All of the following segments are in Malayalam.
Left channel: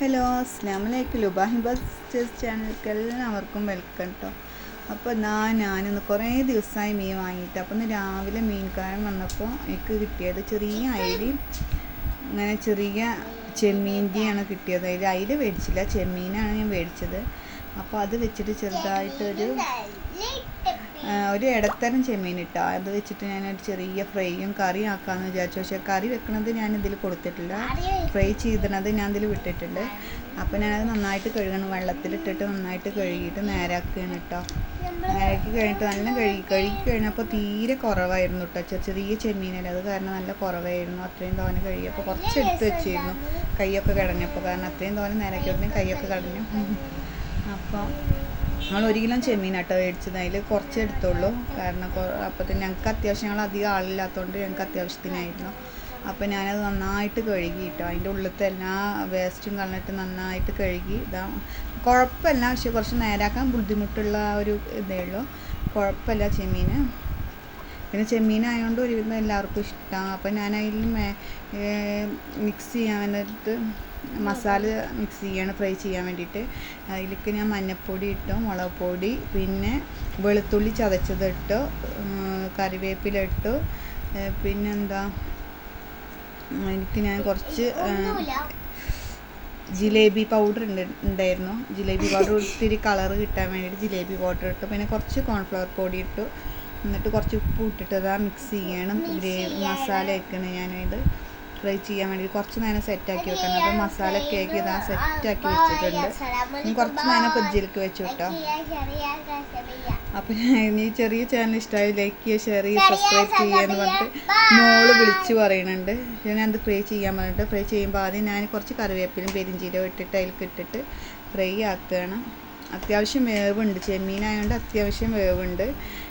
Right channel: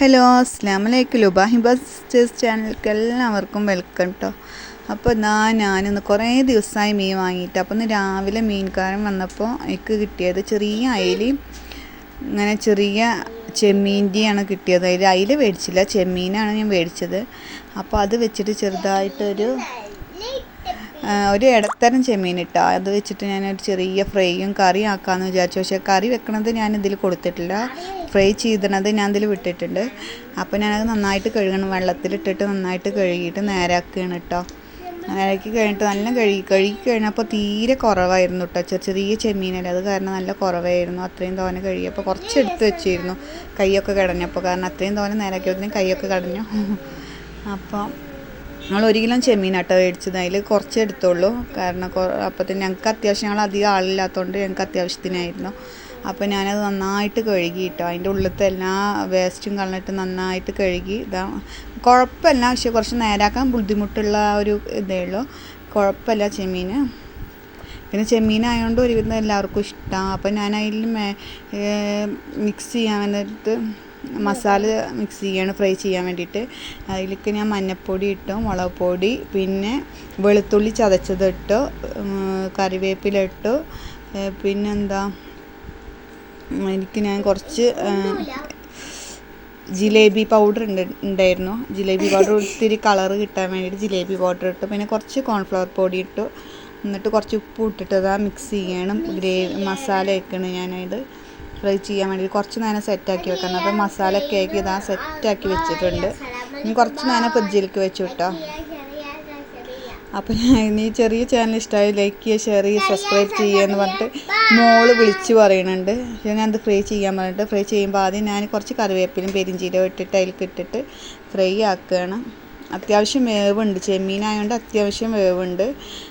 ഹലോ അസ്സലാമലൈക്കും ലുബാഹിബസ് ചാനലിലേക്ക് എല്ലാവർക്കും വെൽക്കം കേട്ടോ. അപ്പോൾ ഞാനിന്ന് കുറേ ദിവസമായി മീൻ വാങ്ങിയിട്ട്, അപ്പോൾ ഇന്ന് രാവിലെ മീൻകാരൻ വന്നപ്പോൾ എനിക്ക് കിട്ടിയത് ചെറിയ അയിലയും ഇങ്ങനെ ചെറിയ ചെമ്മീൻ്റെയാണ് കിട്ടിയത്. അയില മേടിച്ചില്ല, ചെമ്മീനാണ് ഞാൻ മേടിച്ചത്. അപ്പോൾ അത് വെച്ചിട്ട് ചെറുതായിട്ടൊരു ഇടത്തരം ചെമ്മീൻ ഇട്ടോ, അത് വെച്ചിട്ട് ഞാനൊരു ചെറിയ ഫ്രൈയും കറി ആക്കാമെന്ന് വിചാരിച്ചു. പക്ഷേ കറി വെക്കണത് ഞാൻ ഇതിൽ കൊടുത്തിട്ടില്ല, ഫ്രൈ ചെയ്തത് ഞാൻ ഇതിൽ വിട്ടിട്ടുണ്ട്. അപ്പോൾ ഞാനത് നന്നായിട്ട് കഴുകണം, വെള്ളത്തിലിട്ടിട്ട് നന്നായിട്ട് കഴുകിയിട്ട് നേരാക്കുകയാണ് കേട്ടോ. നേരാക്കി കഴിഞ്ഞിട്ട് നല്ല കഴുകി കഴിഞ്ഞപ്പോൾ തീരെ കുറവായിരുന്നു കേട്ടോ. ചെറിയ ചെമ്മീനല്ലേ, അത് കാരണം നല്ല കുറവായിരുന്നു. അത്രയും തോനെ കഴുകിയപ്പോൾ കുറച്ച് എടുത്ത് വെച്ചിരുന്നു, കൈയൊക്കെ കടഞ്ഞപ്പോൾ. കാരണം അത്രയും തോനെ നേരാക്കിയപ്പോഴത്തേക്കും കൈയൊക്കെ കടഞ്ഞു. അപ്പോൾ ഞങ്ങൾ 1 കിലോ ചെമ്മീനാട്ടോ മേടിച്ചത്, അതിൽ കുറച്ച് എടുത്തുള്ളൂ. കാരണം അപ്പോഴത്തേന് ഞങ്ങൾക്ക് അത്യാവശ്യം, ഞങ്ങൾ അധികം ആളില്ലാത്തതുകൊണ്ട് ഞങ്ങൾക്ക് അത്യാവശ്യത്തിനായിരുന്നു. അപ്പോൾ ഞാനത് നന്നായിട്ട് കഴുകി കേട്ടോ, അതിൻ്റെ ഉള്ളിലത്തെ എല്ലാ വേസ്റ്റും കളഞ്ഞിട്ട് നന്നായിട്ട് കഴുകി. കുഴപ്പമില്ല, പക്ഷേ കുറച്ച് നേരാക്കാൻ ബുദ്ധിമുട്ടുള്ള ഒരു ഇതേ ഉള്ളൂ. കുഴപ്പമില്ല ചെമ്മീൻ. പിന്നെ ചെമ്മീനായതുകൊണ്ട് ഒരുവിധം എല്ലാവർക്കും ഇഷ്ടമാണ്. അപ്പോൾ ഞാൻ അതിൽ മിക്സ് ചെയ്യാൻ വേണ്ടിയിട്ട് മസാല മിക്സ് ചെയ്യാണ്, ഫ്രൈ ചെയ്യാൻ വേണ്ടിയിട്ട്. അതിലേക്ക് ഞാൻ മഞ്ഞൾപ്പൊടി ഇട്ടു, മുളക് പൊടി, പിന്നെ വെളുത്തുള്ളി ചതച്ചത് ഇട്ടു, കറിവേപ്പില ഇട്ടു. പിന്നെന്താ, ഞാൻ കുറച്ച് ജിലേബി പൗഡർ ഉണ്ടായിരുന്നു. ജിലേബി പൗഡർ ഒത്തിരി കളറ് കിട്ടാൻ വേണ്ടിയിട്ട് ജിലേബി പൗഡർ ഇട്ടു. പിന്നെ കുറച്ച് കോൺഫ്ലവർ പൊടി ഇട്ടു. എന്നിട്ട് കുറച്ച് ഉപ്പ് ഇട്ടിട്ട് അതാ മിക്സ് ചെയ്യണം. മസാല വെക്കണം ഞാനത് ഫ്രൈ ചെയ്യാൻ വേണ്ടി കുറച്ച് നേരം സെറ്റാക്കി വെക്കണം. അപ്പോൾ മസാല ഒക്കെ ആക്കി ഇതാ സെറ്റാക്കി വെച്ചിട്ടുണ്ട്. ഇനി കുറച്ച് നേരം ഫ്രിഡ്ജിലേക്ക് വെച്ചു കേട്ടോ. അപ്പം ഈ ചെറിയ ചാനൽ ഇഷ്ടമായി ലൈക്ക് ചെയ്യുക, ഷെയർ ചെയ്യുക, സബ്സ്ക്രൈബ് ചെയ്യുക എന്ന് പറഞ്ഞിട്ട് മോള് വിളിച്ച് പറയുന്നുണ്ട്. ഞാനത് ഫ്രൈ ചെയ്യാൻ പറഞ്ഞിട്ട് ഫ്രൈ ചെയ്യുമ്പോൾ ആദ്യം ഞാൻ കുറച്ച് കറിവേപ്പിലും പെരിഞ്ചീരകം ഇട്ടിട്ട് അതിലേക്ക് ഇട്ടിട്ട് ഫ്രൈ ആക്കുകയാണ്. അത്യാവശ്യം വേവുണ്ട്, ചെമ്മീനായതുകൊണ്ട് അത്യാവശ്യം വേവുണ്ട്.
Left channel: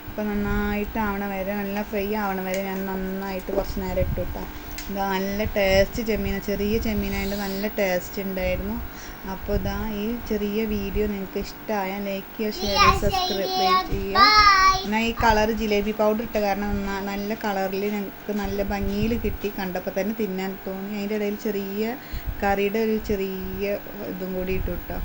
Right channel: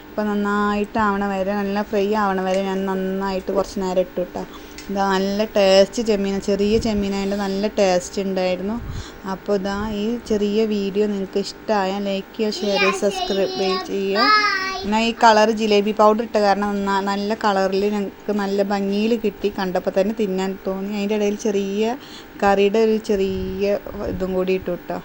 അപ്പോൾ നന്നായിട്ട് ആവണ വരെ, നല്ല ഫ്രൈ ആവണ വരെ ഞാൻ നന്നായിട്ട് കുറച്ച് നേരം ഇട്ടു കേട്ടോ. ഇതാ നല്ല ടേസ്റ്റ് ചെമ്മീൻ, ചെറിയ ചെമ്മീനായതുകൊണ്ട് നല്ല ടേസ്റ്റ് ഉണ്ടായിരുന്നു. അപ്പോൾ ഇതാ ഈ ചെറിയ വീഡിയോ നിങ്ങൾക്ക് ഇഷ്ടമായാൽ ലൈക്ക് ചെയ്യുക, ഷെയർ ചെയ്യുക, സബ്സ്ക്രൈബ് ചെയ്യുക. ഞാൻ ഈ കളർ ജിലേബി പൗഡർ ഇട്ട കാരണം നല്ല കളറിൽ ഞങ്ങൾക്ക് നല്ല ഭംഗിയിൽ കിട്ടി. കണ്ടപ്പോൾ തന്നെ തിന്നാൻ തോന്നി. അതിൻ്റെ ഇടയിൽ ചെറിയ കറിയുടെ ഒരു ചെറിയ ഇതും കൂടി ഇട്ടു കേട്ടോ.